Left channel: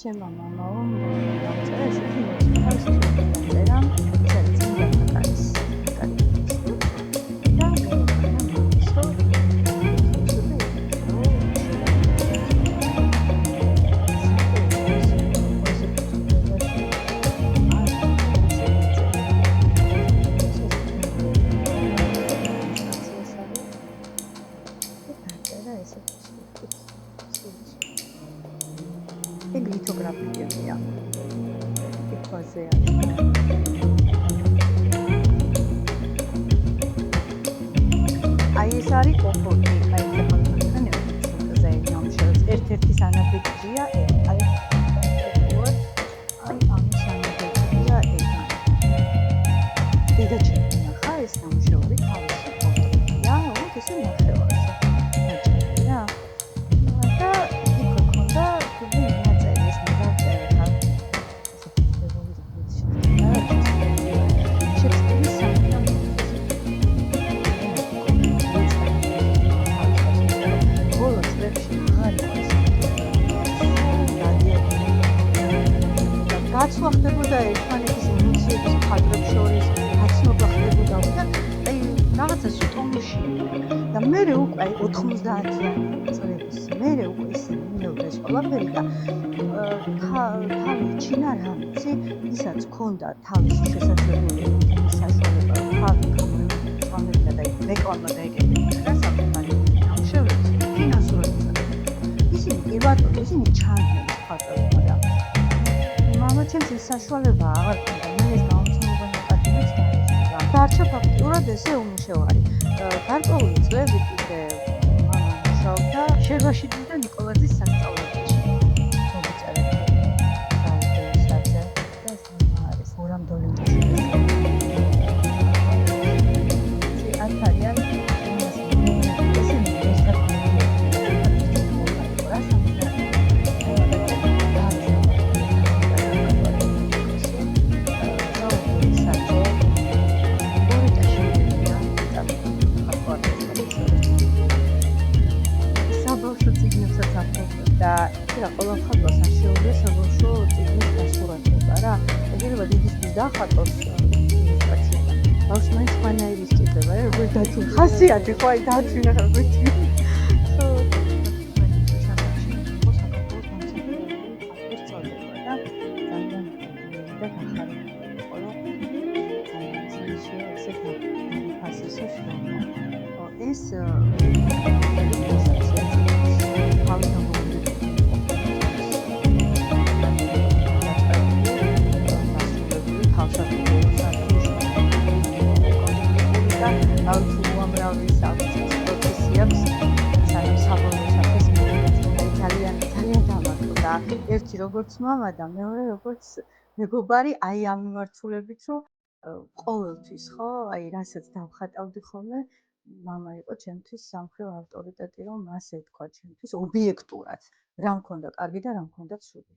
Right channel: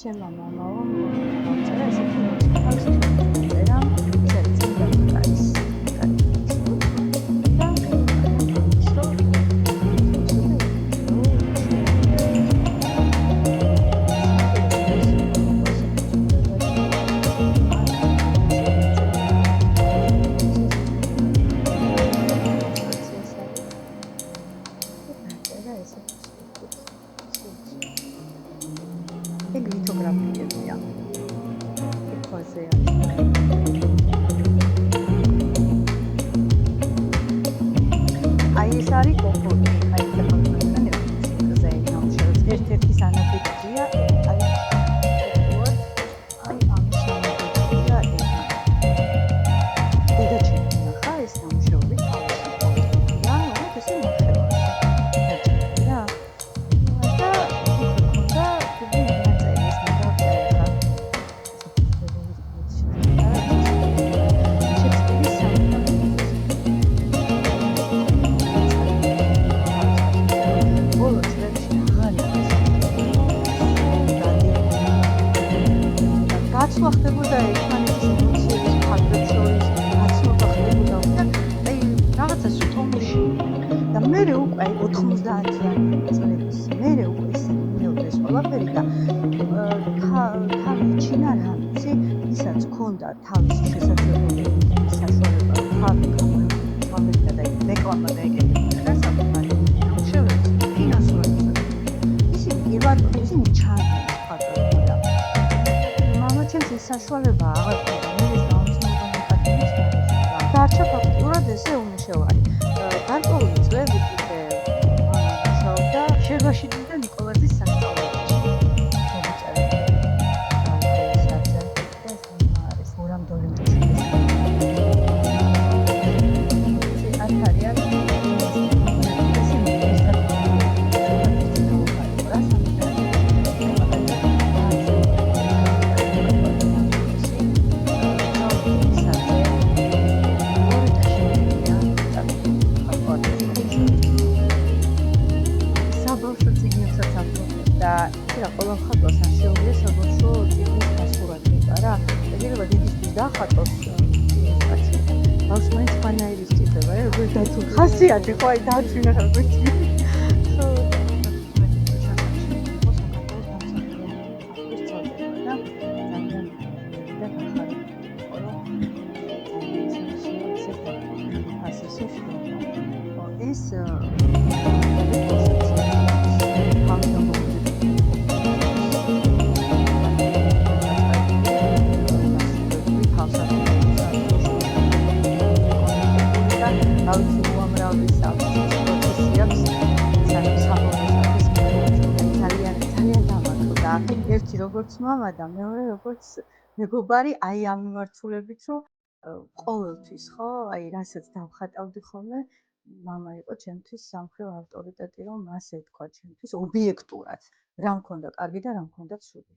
ჩემმა მამამ დავწერა ესეთი ნოტი თავის ხელით დაწერა ეს არის წმინდა ფაკარის ფაკარის ნოტი და მოუყარა მამის რომ ეგ ლითოგრაფიებია. ეთვაზე არის. აი ეს არის ოფოტი, აი ეს ახალგაზრდანი ოფოტზე ნამუშევარს ერთ-ერთი სანაბეჭდია, აი ამის სანაბეჭდია ეგ. დედა ჩემი ნახა ეს ნამუშევარი თავისი პორტრეტია, როგორც ესე ნახევარზე. დაჭერე რა. და იქ ქონდა თუმცა გაცვლა ხდებოდა ერთმანეთის ემოციების ფაქტორებს შორის, გაცნობა ხდებოდა და აი რაღაცა სტომში და მე უკვე 90-იანი წლების მერე უკვე ისე მიმეორდა ეს ყველაფერი და თავი ჩინა რამიცი, ისაც ქონდა თავისი შესაძლებლობები, საშუალება რომ თავი გამოიყენებდა და რეკლამა დაეკეთებინა რა საკუთარი ნამუშევრებს ფინანსურად. ისინი კი ბატონო, ისინი ჩანდნენ ეს ფაქტორი, მაგრამ მამა ჩემს ეს საშუალება აღარ ქონდა, მე ეს გამომცემლობა ნეკატივის დაეჭირა. დარჩა ფაქტურად ესე უმუშევარი. გარკვეული წლები კიდე მამა მუშაობდა შერვაშიძის და ნიკოლაძის სასწავლებელში. მოგიწერეთ საუბარისაზე და ეს არის გურამ დოლინაშვილის. ეს არიან საბავშვო წიგნებსაც აფლობდნენ და ირა ყველა მხატვარს არ შეუძლია საბავშვო წიგნის გასურათება რა. ეგრევე დიდისთვის დახატოს ილუსტრაცია. ბავშვს მაინც სხვანაირი სჭირდება რა, როგორ დათულ ხასიათი ხო აი დათვინა რა გვიჩი. ხო, საქართველოს წოდება და ძალიან და გახარებული იყო რომ ესე ფასისო შრომა. ეს აუცილებლად უამრავი საფრთხის პროცესი აქვს, სანამ საბოლოო საფრთხეს ძალიან დამატყდა. ერთი როგორც მამა და მეორე როგორც მეგობარი, აი ამ მიმართულებით, რომ ყოველთვის ხო, აი რასაც დავხატავდი ხოლმე, მამა იყო ჩემთვის სამხრივ ავტორიტეტი, რომ მას ეთქვა ჩემთვის ობიექტურად, რა მქონდა კარგი და რა მქონდა ცუდი.